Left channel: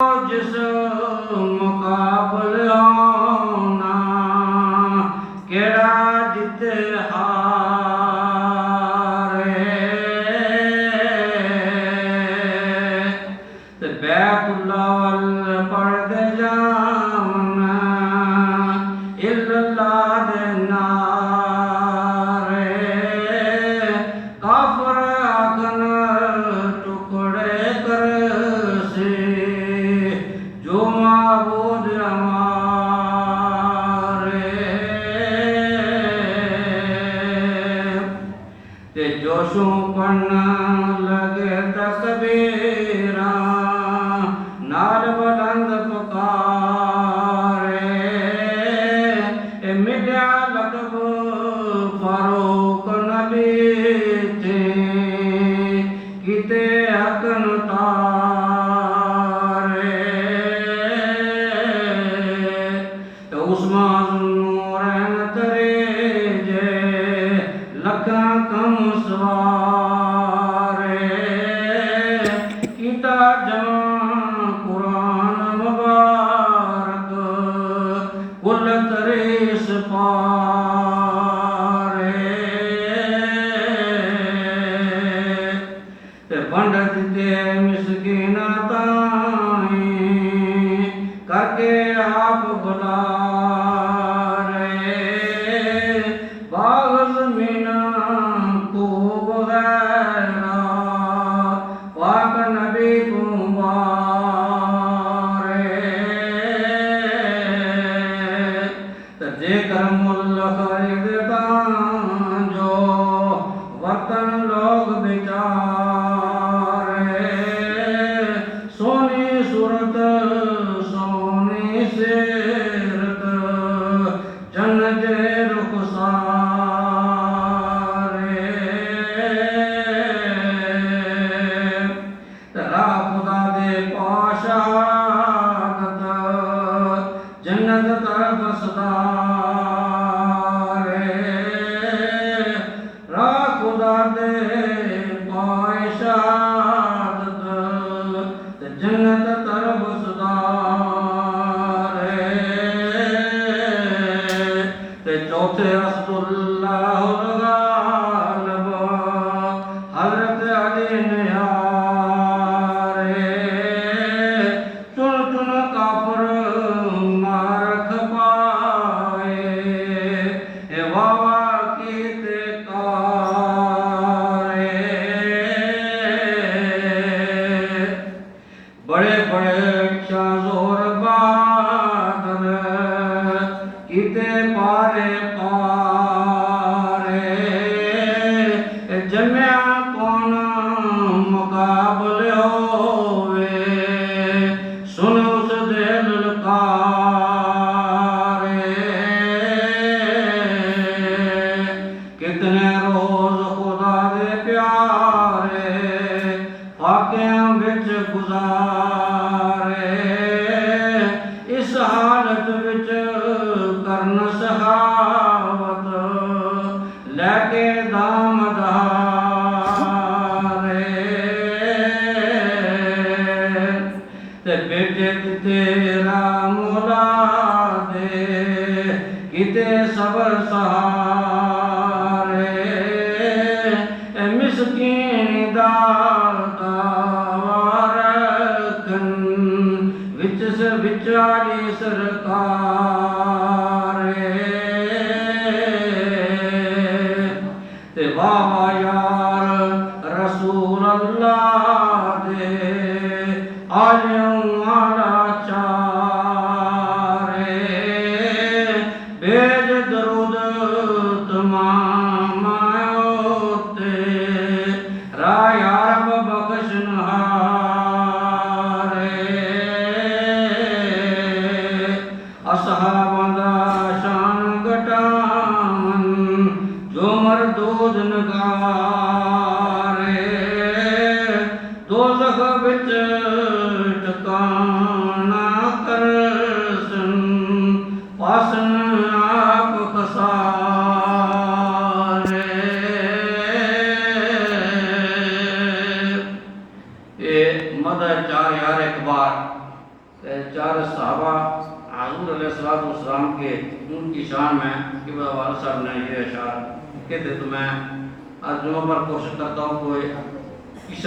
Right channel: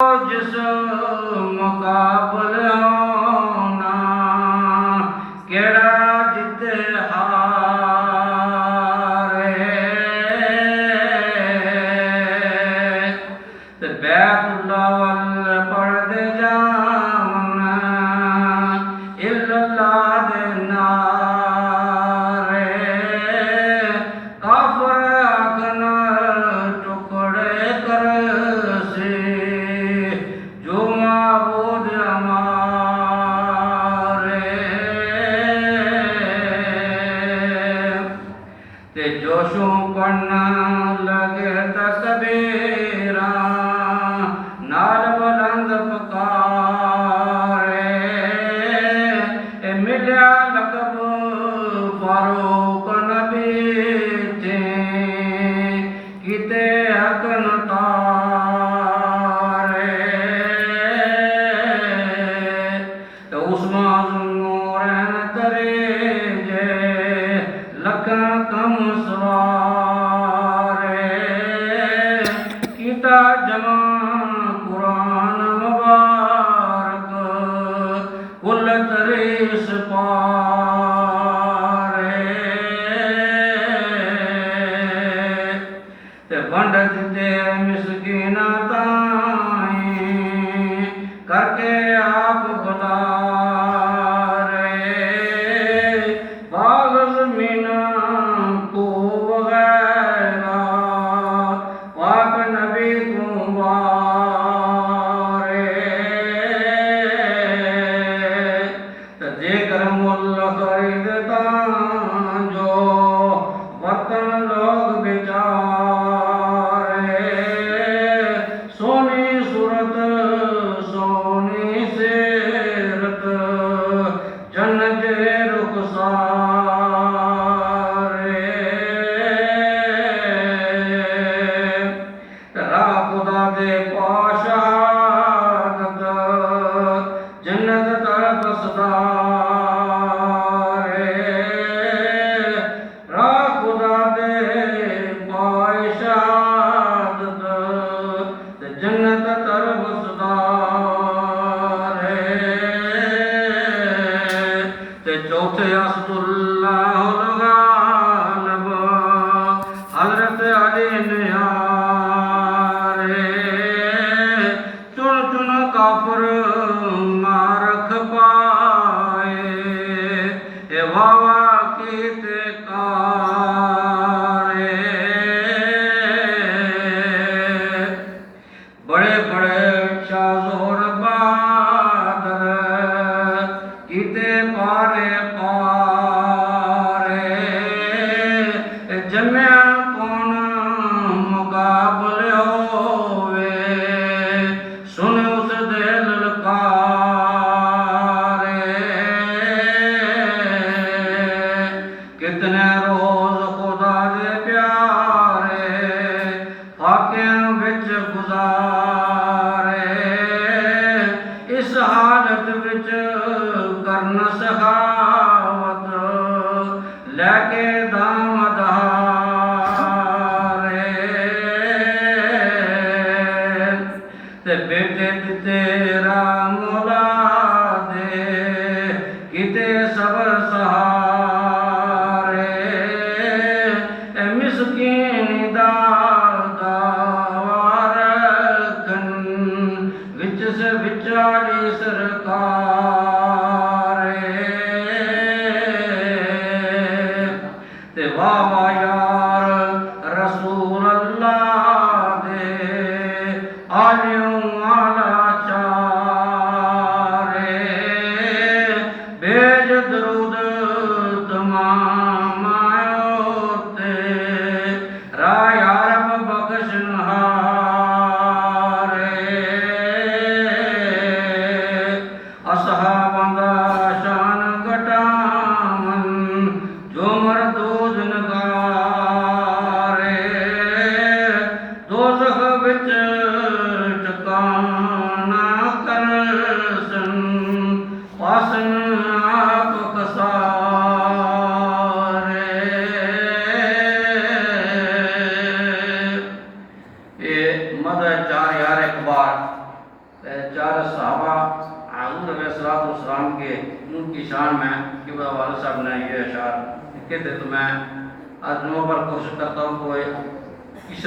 जिस मुकाबलियां केड़ा जिते हारे ते बैतुल्ला वल पढ़दे जावन इल्लल्लाह दे नारे काफर आखन टुकड़े करसी जो माबूद हमारे ते जोशों पढ़ना लगे तकबीरा नाल बुलंद पुकारे ए मिलिया लक़ब फारूक नबी थे किते हकन उस्मान नूरन तरेजे लखा कम सवारे किता जमा कुरान मुबारक कुल तरीस पारे ते बंड दिते मिसकीना ताई करके आप बुला चौथे असदुल्लाह गालिब हज़रत अली निहारे चुन चुन काफिर मारख पाए ए वावा कीते कारे बड़े बड़े शाज़ोर बहादुर किते पारे जम्या कौन मुकाबले होवे सुन उस दे ललकारे कितने रोज खुदा दे प्यारे फाकियां विच गुजारे इस हालत विच करन सखावत लैके दामदारे बेटे तेरा मौला दे किते सबर सहारे मिसकीन दारकन विच से विचारी सरकारे ते वावा यार रसूल अल्लाह दे आलियों आला चारे भेज दरूद तमाम होते राया रब बख्शनहारे असहाबां दा शान घटावन जो मरदूद नगारे दोज़ख विच ठिकाना चार सहाबा हज़ूर अलैहिस्सलाम के उनकी शान में कि वाले साहब ने ये अशार कहते तो मैं आज जुमा पर कोशिश करता हूँ कोई किसी